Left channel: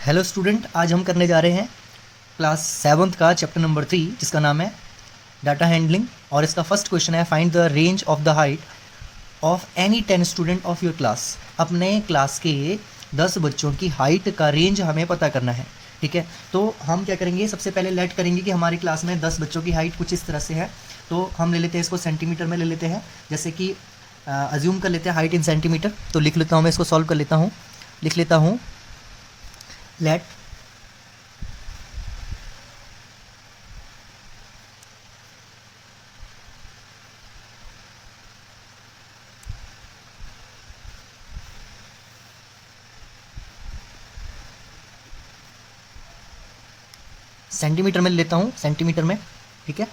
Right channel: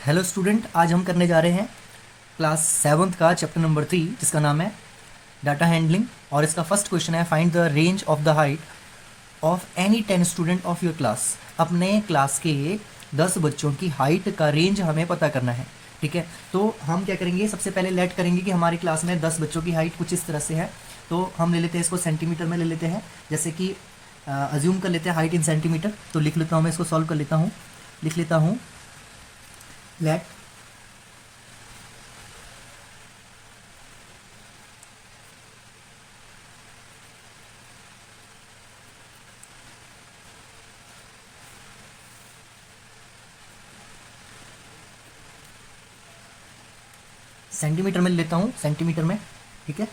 Hello student, आज हम करने जा रहे हैं क्लास 7th का चैप्टर नंबर 3 जिसका नाम है डाटा हैंडलिंग। और इसका फर्स्ट क्वेश्चन है find the range of the height of any 10 student of your class. अपने क्लास के 10 बच्चों की हाइट का रेंज हमें पता करना है। ठीक है, तो हम क्या करेंगे, सबसे पहले लेट करेंगे कि हमारी क्लास में 10 बच्चों की हाइट कुछ इस तरह से है। तो हम ले लेते हैं इसको सेंटीमीटर में ले लेते हैं, जैसे कि अज्यूम कर लेते हैं हाइट इन सेंटीमीटर। तो लिख लेता हूँ, मैं इसको सॉल्व कर लेता हूँ। लिख लेता हूँ लेट सेंटीमीटर में लेता हूँ, सेंटीमीटर में। ठीक है,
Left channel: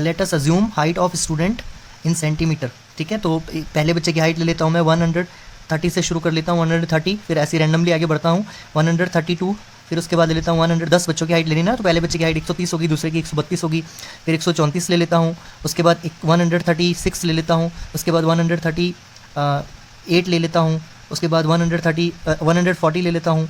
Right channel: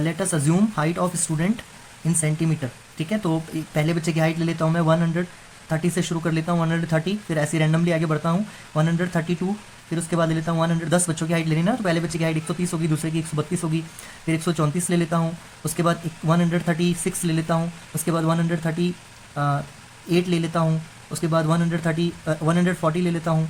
let us assume height of student in centimetre. ठीक है, तो पहले बच्चे की हाइट ले लेता हूँ मैं 130 से शुरू कर लेता हूँ, 130, फिर ऐसे रैंडमली आगे बढ़ता हूँ 132, फिर उसके बाद ले लेता हूँ 110 बच्चों की हाइट लेनी ना, तो पहले बच्चे की हाइट 130 होगी, दूसरे की 132 होगी, फिर 134 ले लेता हूँ, उसके बाद 136 ले लेता हूँ, उसके बाद 138 ले लेता हूँ, उसके बाद 140 ले लेता हूँ।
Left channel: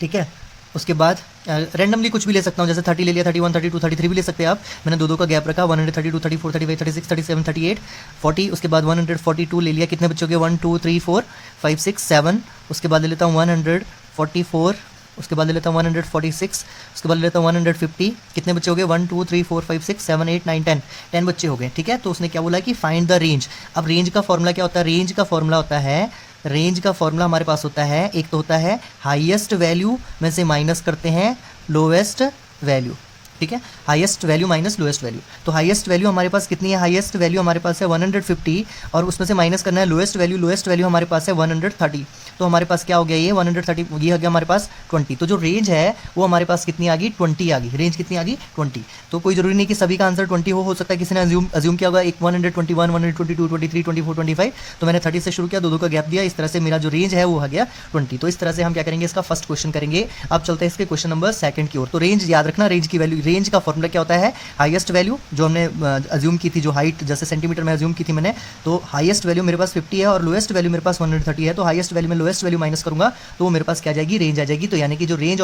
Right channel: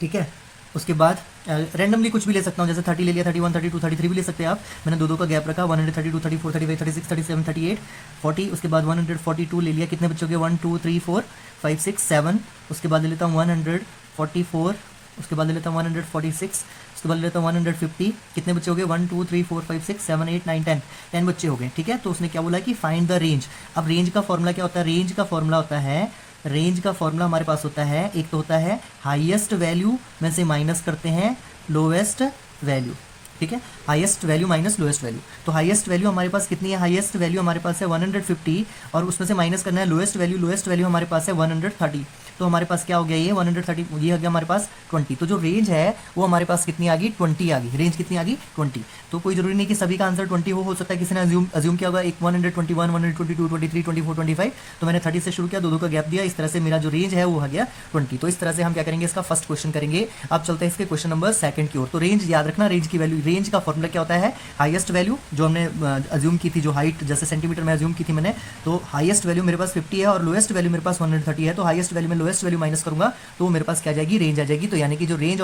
ठीक है, उसके बाद रैंडमली कुछ भी ले सकता हूँ, जैसे 30 ले लिया, 31, 32, 33 भी ले सकते हैं आप। मैंने दो का गैप रखा, 132, 34, 35, 36, 37, 38, 40। उसके बाद 142 ले लिया, कितने बच्चों के, 1 2 3 4 5 6 7। उसके बाद ले लेता हूँ 144, उसके बाद ले लेता हूँ 146, उसके बाद ले लेता हूँ 150। कितने बच्चे हो गए, 1 2 3 4 5 6 7 8 9 10, 10 बच्चे हो गए। ठीक है, तो उसने क्या बोला कि फाइंड द रेंज। अब रेंज का फॉर्मूला क्या होता है, रेंज का फॉर्मूला होता है, रेंज का फॉर्मूला हमारे पास होता है, एक तो होता है हाईएस्ट वैल्यू में से माइनस करते हैं लोएस्ट वैल्यू। ठीक है, highest value minus lowest value. तो हाईएस्ट वैल्यू हमारे पास कितनी है, हाईएस्ट वैल्यू हमारे पास है 150, और उसमें से माइनस करना है लोएस्ट वैल्यू। लोएस्ट वैल्यू हमारे पास है 130, तो हमारे पास क्या हो गया, ये 130, ये हो गया हमारे पास 20। तो जो रेंज है वो हमारे पास कितनी आ गई, 20 आ गई। रेंज कितनी आ गई, 20। तो कोई जरूरी नहीं कि सभी का आंसर 20 हो सकता है किसी ने अज्यूम किया होगा एक 121, 122, 23, 24, 25, तो मैंने 30 से शुरू किया, दो का गैप दिया, इस तरह से मेरा जो रेंज है वो हो गया 20। तो इस तरह से हम क्या करेंगे, इसका फर्स्ट क्वेश्चन करेंगे। अब चलते हैं इसके क्वेश्चन नंबर 2 की ओर। तो रेंज याद रखना, रेंज की वैल्यू, रेंज का फॉर्मूला क्या होता है, हाईएस्ट वैल्यू जो हमने अज्यूम की थी, जो हाइट जैसे सेंटीमीटर में अज्यूम की थी मैंने, तो हाईएस्ट वैल्यू मेरे पास 50 है और लोएस्ट वैल्यू मेरे पास 130 है। तो हाईएस्ट वैल्यू में लोएस्ट वैल्यू माइनस करूंगा तो मेरे पास क्या आ जाएगी, रेंज आ जाएगी। तो यानी कि जो रेंज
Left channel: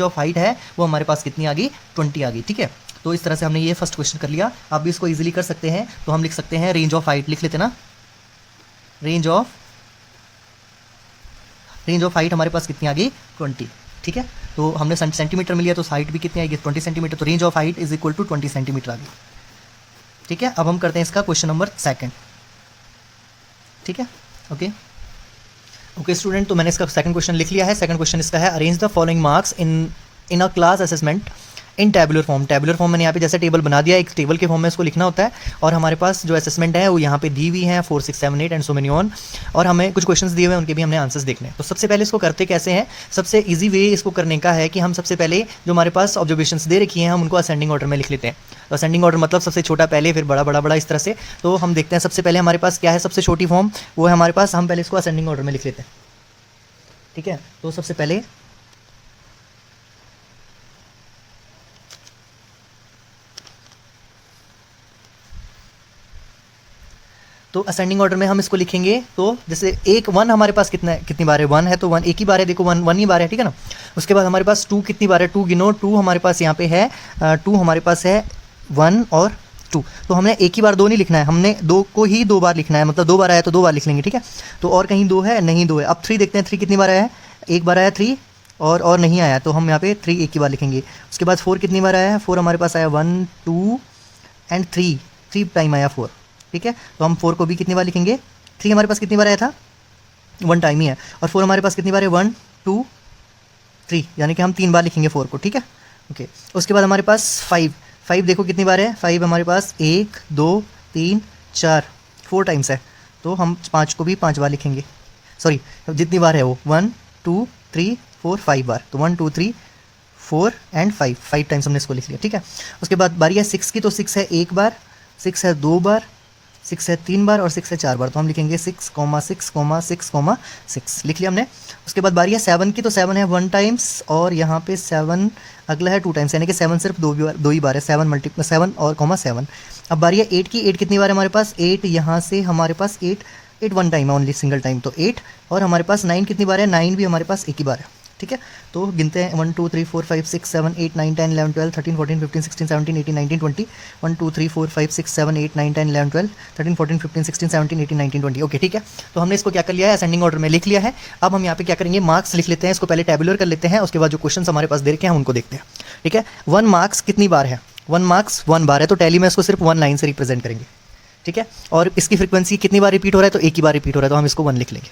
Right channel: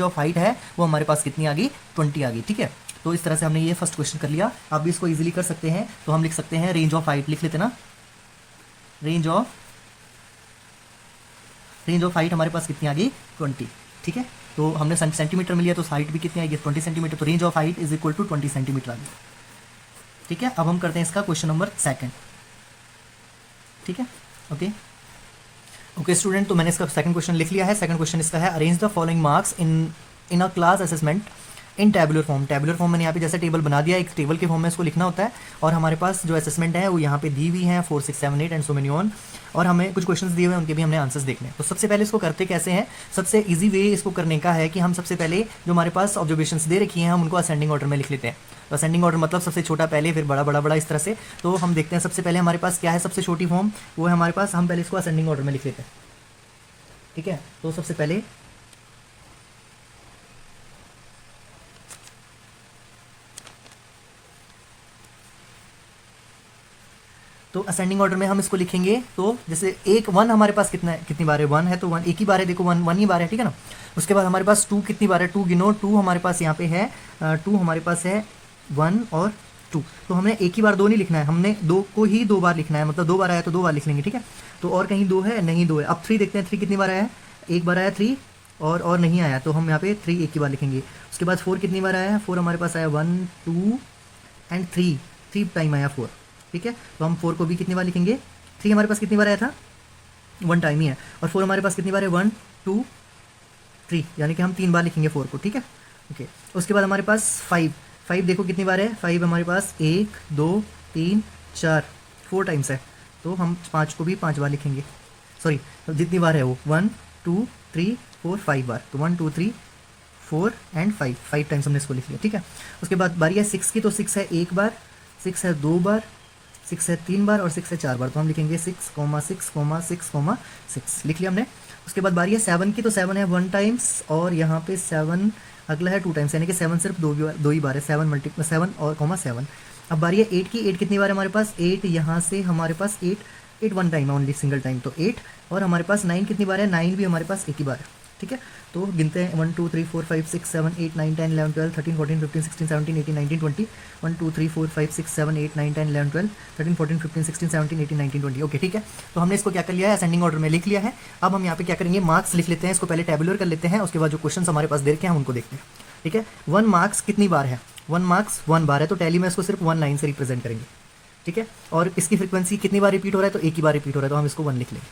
ऑफ हाइट है वो हमारे पास कितनी आ गई, 20 आ गई। ठीक है, तो इस तरह से हमने ये फर्स्ट क्वेश्चन कर लिया। आप भी इसको इजीली कर सकते हैं, तो हम लिख सकते हैं रेंज ऑफ हाइट, लिख लेते ना, रेंज ऑफ हाइट हमारे पास कितनी आ गई, 20। ठीक है, तो हमने सेंटीमीटर में लिया तो हाइट भी कितनी आएगी, 20 सेंटीमीटर। तो range of height is equal to 20 centimetre आ गई। ठीक है, अब हम करते हैं इसका क्वेश्चन नंबर 2। ठीक है, ओके स्टूडेंट, तो मैंने इसका सेकंड क्वेश्चन लिख लिया है। सेकंड क्वेश्चन इसका है, arrange the following marks in a class assessment in tabular form. Tabular form मैंने यहाँ पे जैसे टेबल बना दिया, एक टेबल के फॉर्म में इसको लिखना होता है, और हमारे पास जो असेसमेंट है वो यहाँ पे दी हुई है 4 6 7 8 एंड सो मेनी ऑन, और हमें कुछ क्वेश्चंस दिए हुए हैं, उनके भी हमने आंसर्स देखने हैं। तो सबसे पहले इसको करते कैसे हैं, सबसे ईजी वे इसको करने का है कि हम सबसे पहले जो हमारे पास ऑब्जर्वेशंस दे रखी हैं हम उनको असेंडिंग ऑर्डर में लिख लेते हैं। तो असेंडिंग ऑर्डर मतलब सबसे छोटा पहले, फिर बड़ा बड़ा बड़ा, इस तरह से। तो हम देखते हैं सबसे पहले हमारे पास क्या है, सबसे छोटी फॉर्म वो है हमारे पास, हम पहले इसको असेंडिंग ऑर्डर में लिख लेते हैं। ठीक है, तो सबसे पहले तो असेंडिंग ऑर्डर में हम इसको लिखेंगे। तो जैसे एक 1 हमारे पास कितनी बार है, 1 है, तो 1 एक ही बार है, देखो 1 ही बार है। ठीक है ना, उसके बाद हमारे पास 2 कितनी बार है, 2 गिनो, 2 हमारे पास यहाँ पे है, 2 हमारे पास है 1 और 2। तो हमने एक ही बार 2 नहीं लिखना है, हमने 2 को ही 2 बार लिखना है, मतलब 2 बार आया तो 2 बार लिख लेंगे। ठीक है, तो और कहीं 2 है, नहीं 2 है। अब 3 देखते हैं, 3 कितनी बार आया है, एक बार आया 3, और नहीं आया, तो हम यहाँ पे 3 एक ही बार लिखेंगे। उसके बाद 4 कितनी बार आया है, 4 हमारे पास आया 1 2 एंड 3 टाइम आया 4। ठीक है, तो हम 4 को भी कितनी बार लिखेंगे, 3 हमारे पास कितनी बार आया था, 1 टाइम ही है, और 4 हमारे पास कितनी बार है, 1 2 3, यानी कि हम 3 बार लिखेंगे 4 को। ठीक है, ओके। उसके बाद हमारे पास 5 देखो कितनी बार है, 5 हमारे पास 1 2 3 4, 4 टाइम्स है, तो हम 5 को भी 5 बार लिखेंगे। सॉरी, जितनी बार है वो 1 2 3 4 5 बार, तो 1 2 3 4 एंड 5 टाइम्स हमने इसको लिख लिया। ठीक है, उसके बाद बारी है 6 की, तो 6 है 1 बार, 6 है 2 बार, 6 है 3 बार, और 6 है 4 बार, तो हम लिखेंगे 6, 6, 6 लिख लिया हमने। उसके बाद बारी है 7 की, तो 7 है 1 टाइम्स, और यहाँ पे 7 अगला है 2 टाइम्स, यानी कि 7 सिर्फ 2 ही बार है, 7 और 7। अब बारी है 8 की, 8 कितनी बार है हमारे पास, 8 यहाँ से हमारे पास 8 8 वन टाइम है ओनली, सिंगल टाइम, तो 8। और हमारे पास 9 कितनी बार है, 9 भी हमारे पास एक ही बार है, ठीक है। तो गिनते हैं 1 2 3 4 5 6 7 8 9 10 11 12 13 14 15 16 17 18 19 20 1 2 3 4 5 6 7 8 9 10 11 12 13 14 15 16 17 18 19 20। ओके, ठीक है। तो हमने इसको क्या कर लिया है, असेंडिंग ऑर्डर में लिख लिया है। अब हम यहाँ पे क्या करेंगे, मार्क्स लिख लेते हैं, इसको पहले टेबुलर कर लेते हैं, उसके बाद जो क्वेश्चन हमारे पास दे रखे हैं उनको देखते हैं, ठीक है। 1 मार्क्स कितनी बार है, 1 मार्क्स 1 बार है, तो टैली में इसको सिर्फ 1 लाइन से रिप्रेजेंट करेंगे, ठीक है। और इसकी फ्रीक्वेंसी कितनी बार रिपीट हो रहा है, तो एक ही बार रिपीट हो रहा है, तो हम इसको 1 लिख लेंगे,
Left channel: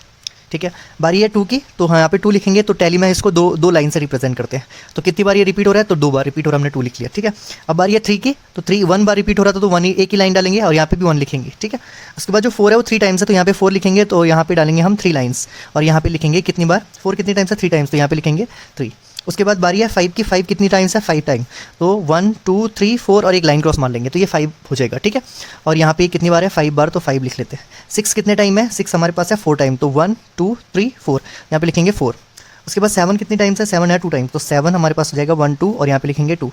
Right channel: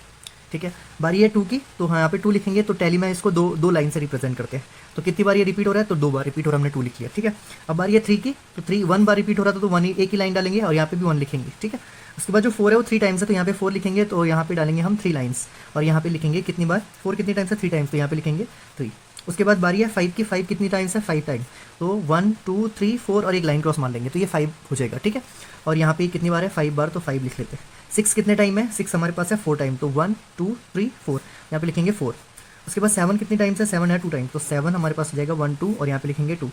ठीक है। बारी है 2 की, तो हाँ यहाँ पे 2 लिखेंगे, तो टैली में इसको दो लाइन से रिप्रेजेंट करते हैं, तो कितनी बार ये रिपीट हो रहा है, तो 2 बार रिपीट हो रहा है, हमने 2 लिख लिया, ठीक है। अब बारी है 3 की, तो 3 1 बार रिपीट हो रहा था, तो 1 ही एक ही लाइन डालेंगे, और यहाँ पे भी 1 लिखेंगे, ठीक है। उसके बाद जो 4 है वो 3 टाइम्स है, तो यहाँ पे 4 लिखेंगे, तो यहाँ पे डालेंगे हम 3 लाइन्स, और यहाँ पे लिखेंगे कितनी बार, 4 कितनी टाइम्स है, 3 टाइम्स, तो यहाँ पे लिखेंगे 3। उसके बाद बारी है 5 की, 5 कितनी टाइम्स है, 5 टाइम, तो 1 2 3 4 और एक लाइन क्रॉस मार लेंगे, तो ये 5 हो जाएगा, ठीक है। और यहाँ पे कितनी बार है, 5 बार, तो 5 लिख लेते हैं। 6 कितने टाइम है, 6 हमारे पास है 4 टाइम, तो 1 2 3 4, यहाँ पे लिखेंगे 4। उसके बाद 7 कितनी टाइम्स है, 7 है 2 टाइम, तो 7 हमारे पास हो जाएगा 1 2, और यहाँ पे लिखेंगे 2।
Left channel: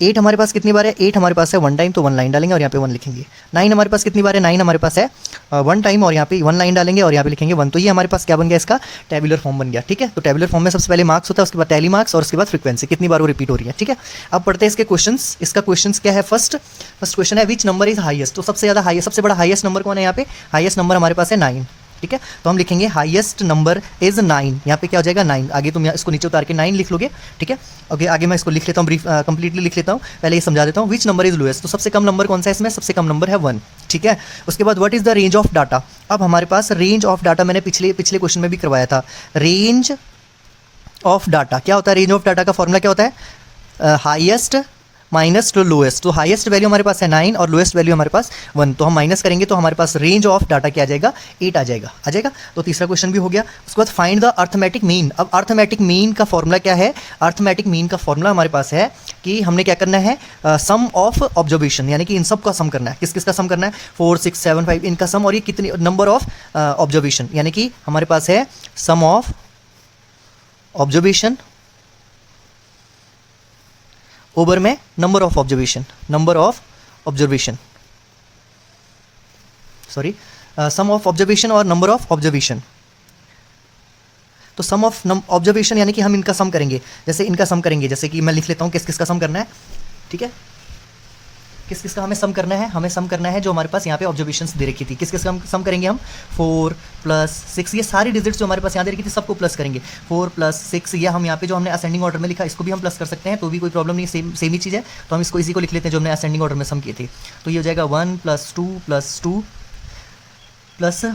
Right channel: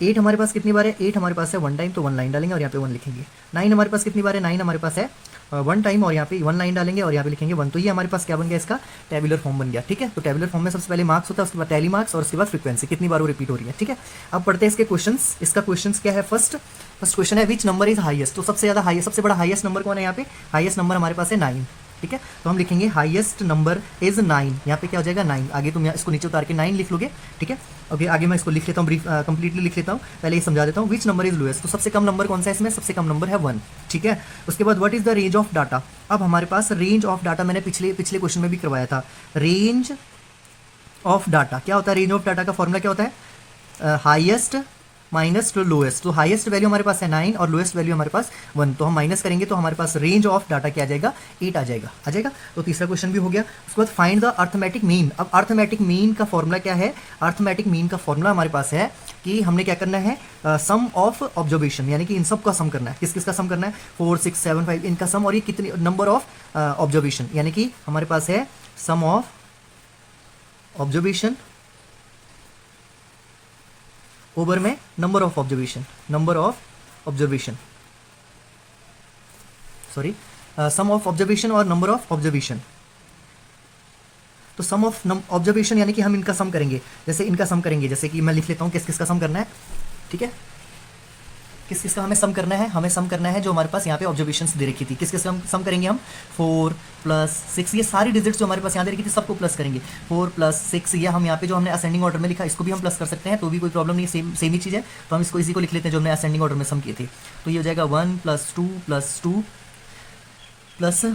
8 हमारे पास कितनी बार है, 8 हमारे पास है 1 टाइम, तो 1 लाइन डालेंगे और यहाँ पे 1 लिखेंगे। 9 हमारे पास कितनी बार है, 9 हमारे पास है 1 टाइम, और यहाँ पे 1 लाइन डालेंगे और यहाँ पे लिखेंगे 1। तो ये हमारे पास क्या बन गया, इसका टेबुलर फॉर्म बन गया, ठीक है। तो टेबुलर फॉर्म में सबसे पहले मार्क्स होता है, उसके बाद टैली मार्क्स, और उसके बाद फ्रीक्वेंसी कितनी बार वो रिपीट हो रही है, ठीक है। अब पढ़ते हैं इसके क्वेश्चंस। इसका क्वेश्चंस क्या है, फर्स्ट क्वेश्चन है विच नंबर इज हाईएस्ट, तो सबसे ज़्यादा हाईएस्ट, सबसे बड़ा हाईएस्ट नंबर कौन है, यहाँ पे हाईएस्ट नंबर हमारे पास है 9, ठीक है। तो हम लिखेंगे हाईएस्ट नंबर इज 9, यहाँ पे क्या हो जाएगा 9, आगे तुम इसको नीचे उतार के 9 लिख लोगे, ठीक है। ओके, आगे मैं इसको लिख लेता हूँ, ब्रीफ कंप्लीटली लिख लेता हूँ, पहले ये समझा देता हूँ। विच नंबर इज लोएस्ट, तो सबसे कम नंबर कौन सा है इसमें, सबसे कम नंबर है 1, ठीक है। उसके बाद what is the range of data, अब हमारे पास रेंज ऑफ डाटा मैंने पिछले क्वेश्चन में भी करवाया था। रेंज ऑफ डाटा क्या होता है, रेंज ऑफ डाटा का फॉर्मूला क्या होता है, हाईएस्ट माइनस टू लोएस्ट, तो हाईएस्ट वैल्यू हमारे पास है 9 और लोएस्ट वैल्यू हमारे पास 1, तो हम माइनस करेंगे तो हमारे पास रेंज ऑफ डाटा क्या आ जाएगा, 8 आ जाएगा। तो तीसरा क्वेश्चन भी हो गया। उसके बाद फाइंड द अर्थमेटिक मीन, अब अर्थमेटिक मीन का फॉर्मूला क्या है, अर्थमेटिक मीन का फॉर्मूला हमारे पास है कि हमने क्या करना है, सम ऑफ ऑब्जर्वेशन, यानी कि इन सब का सम करना है, किस किस का सम करना है, 4 6 7 5 इनका सम, और ये कितने नंबर ऑफ ऑब्जर्वेशन, यानी कि हमारे पास है सम ऑफ ऑब्जर्वेशन ओवर में number of observation, sorry, sum of observation और नंबर ऑफ ऑब्जर्वेशन। तो सम ऑफ ऑब्जर्वेशन यानी कि हम इनका सम करेंगे, जैसे इनका सम करेंगे, जैसे कि मैं लिख लेता हूँ किस किस का सम करना है, ठीक है। किस किस का हमें सम करना है, हमें सम करना है जो हमारे पास यहाँ पे ऑब्जर्वेशंस दे रखी थी, किस किस का हम सम करेंगे, हम 4 + 6, ये सारी डिजिट्स जो हमारे पास यहाँ दे रखी थी सबको प्लस करेंगे, 4 + 6, या हम यहाँ पे जो हमने असेंडिंग ऑर्डर में लिखा इसको भी हम प्लस कर सकते हैं, तो भी कोई प्रॉब्लम नहीं, सेम ही चीज़ है। तो हम इसको इसी को लिख लेते हैं जो हमने असेंडिंग ऑर्डर में सम किए थे, तो ये हो जाएगा 1 + 2 + 2 +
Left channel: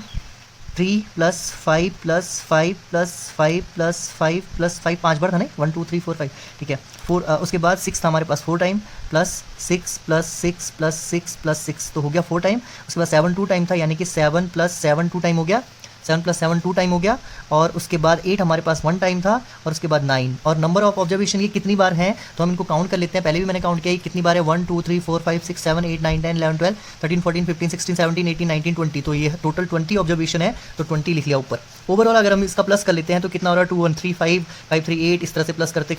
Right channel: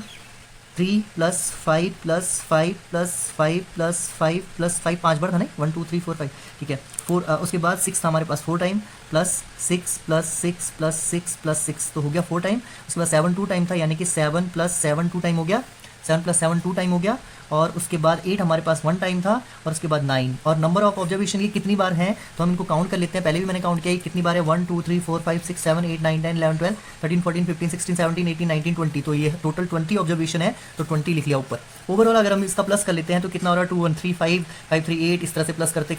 3 + 5 + 5 + 5 + 5 + 5, 5 बार था नहीं, 1 2 3 4 5, ठीक है। 4 उसके बाद 6 था हमारे पास 4 टाइम, +6 + 6 + 6 + 6, तो हो गया 4 टाइम। उसके बाद 7 2 टाइम था, यानी कि 7 + 7 2 टाइम हो गया, 7 + 7 2 टाइम हो गया। और उसके बाद 8 हमारे पास 1 टाइम था, और उसके बाद 9। और नंबर ऑफ ऑब्जर्वेशन ये कितनी बार हैं, तो हम इनको काउंट कर लेते हैं, पहले भी मैंने काउंट किया कितनी बार है, 1 2 3 4 5 6 7 8 9 10 11 12 13 14 15 16 17 18 19 20, तो ये टोटल 20 ऑब्जर्वेशन है, तो 20 लिख लिया ऊपर। ओवरऑल अगर हम इसका प्लस कर लेते हैं तो कितना हो रहा है, 2 1 3 5 5 3 8, इस तरह से प्लस करते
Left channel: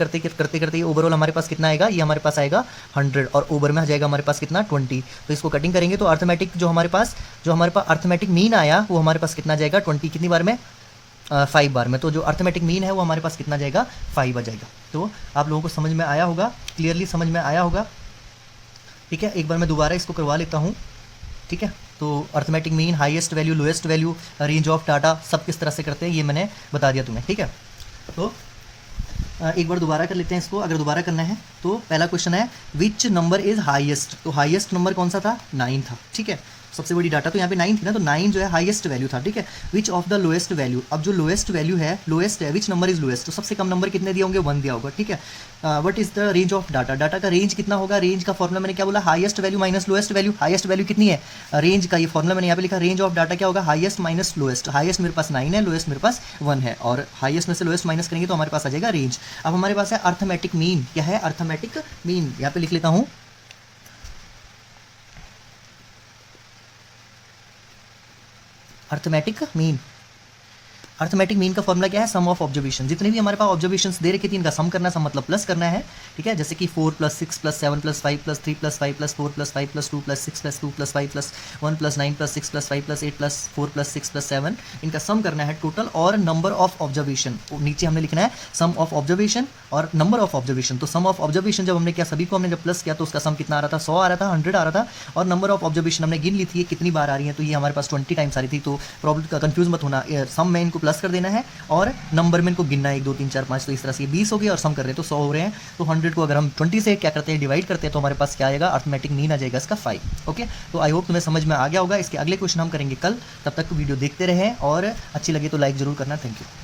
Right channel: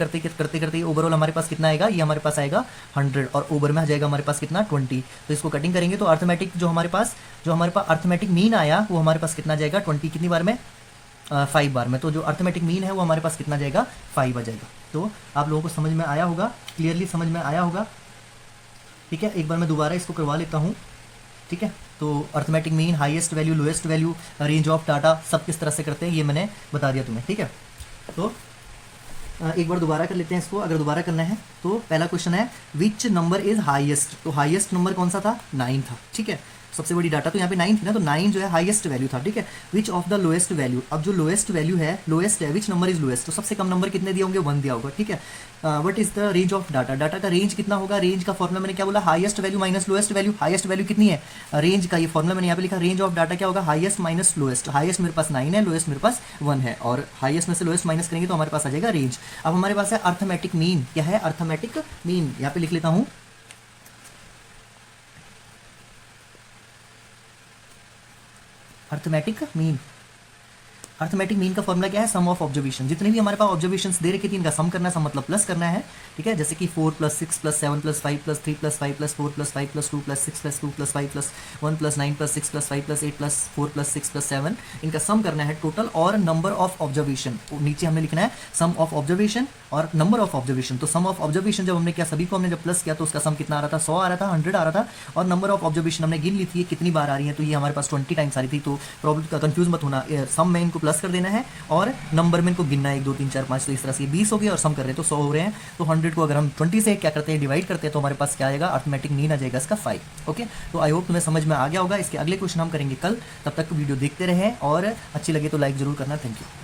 करते ओवरऑल हमारे पास कितना आएगा, ये हमारे पास आएगा 100, और ओवर में आ जाएगा हमारे पास कितना 20। तो इसको कटिंग करेंगे तो अर्थमेटिक जो हमारे पास अर्थमेटिक मीन आया वो हमारे पास कितना जाएगा, 20 कितनी बार में, 5 बार में। तो जो अर्थमेटिक मीन है वो हमारे पास कितना जाएगा, 5 आ जाएगा। तो आप लोगों को समझ में आया होगा, क्लियरली समझ में आया होगा, ठीक है। एक बार मैं दोबारा इसको करवा लेता हूँ, ठीक है। तो arithmetic mean, highest value, lowest value, range of data, सब किस तरह से करते हैं ये मैंने बता दिया तुम्हें, ठीक है। तो एक बार दोबारा कर लेते हैं इसको, अगर दोबारा करना है तो पहला क्वेश्चन है विच नंबर इज हाईएस्ट, तो हाईएस्ट नंबर कौन सा था, 9 था, ठीक है। सबसे बड़ी डाटा तो यहाँ पे 9 थी ना, तो 9 जो है हाईएस्ट वैल्यू था, ठीक है। Which of the lowest value, अब जो लोएस्ट वैल्यू है, लोएस्ट है, विच नंबर इज लोएस्ट, तो सबसे कम नंबर कितने दिए होंगे, 1 दिया होगा, ठीक है। What is the range of data, data का रेंज कितना होगा, रेंज का फॉर्मूला मैंने क्या बोला, highest value minus lowest value, highest value कितनी है, रेंज का ये फॉर्मूला मैंने यहाँ पे लिखा, रेंज ऑफ डाटा क्या होगा, हाईएस्ट माइनस लोएस्ट, हाईएस्ट मेरे पास 9 है, लोएस्ट मेरे पास 1 है, और हाईएस्ट में से लोएस्ट माइनस करेंगे तो हमारे पास आ जाएगा रेंज। अब हमारे पास है अर्थमेटिक मीन, क्या है अर्थमेटिक मीन, यहाँ पे लिख लेता हूँ, अर्थमेटिक मीन। अर्थमेटिक मीन का फॉर्मूला क्या है, सम ऑफ ऑब्जर्वेशन। जितने भी हमारे पास ऑब्जर्वेशंस दे रखे थे इनका सम करना है, सम मतलब प्लस करना है, ठीक है। जैसे कि 4 + 6 + 7 + 5 + 3 + 5 + 4 + 5 + 2 + 6 + 2 + 5 + 1 + 9 + 6 + 5 + 8 + 4 + 6 + 7, इनका सम करना है टोटल, और नंबर ऑफ ऑब्जर्वेशन नीचे हमने लिखना है सम ऑफ ऑब्जर्वेशन और नंबर ऑफ ऑब्जर्वेशन। तो सम ऑफ ऑब्जर्वेशन जब हमने किया, सभी को हमने जब प्लस किया तो उसका सम कितना आ रहा था, 100 आ रहा था, 100 आ रहा था। और नंबर ऑफ ऑब्जर्वेशन हमने गिन ली थी कितनी बार आ रही है, तो ये हमारे पास 20 टाइम्स आ रही थी। तो प्रॉब्लम का कंफ्यूज मत होना, सम में इनको प्लस कर देना है और नंबर में इनको गिनना है 1 2 3 4 5। तो इस तरह से 20 हो गए और सम कर रहे हैं तो 100 हो रहे हैं। तो 100 को अगर हम 20 से क्या करते हैं, डिवाइड करते हैं, तो हमारे पास क्या आएगा, अर्थमेटिक मीन आ जाएगा इसका 5। ओके, तो आई होप तुम्हें समझ में आ गया होगा। इसके अगले क्वेश्चन हम करेंगे कल, तब तक वीडियो देखते रहें और अच्छी लगे तो लाइक जरूर करना। Thank you.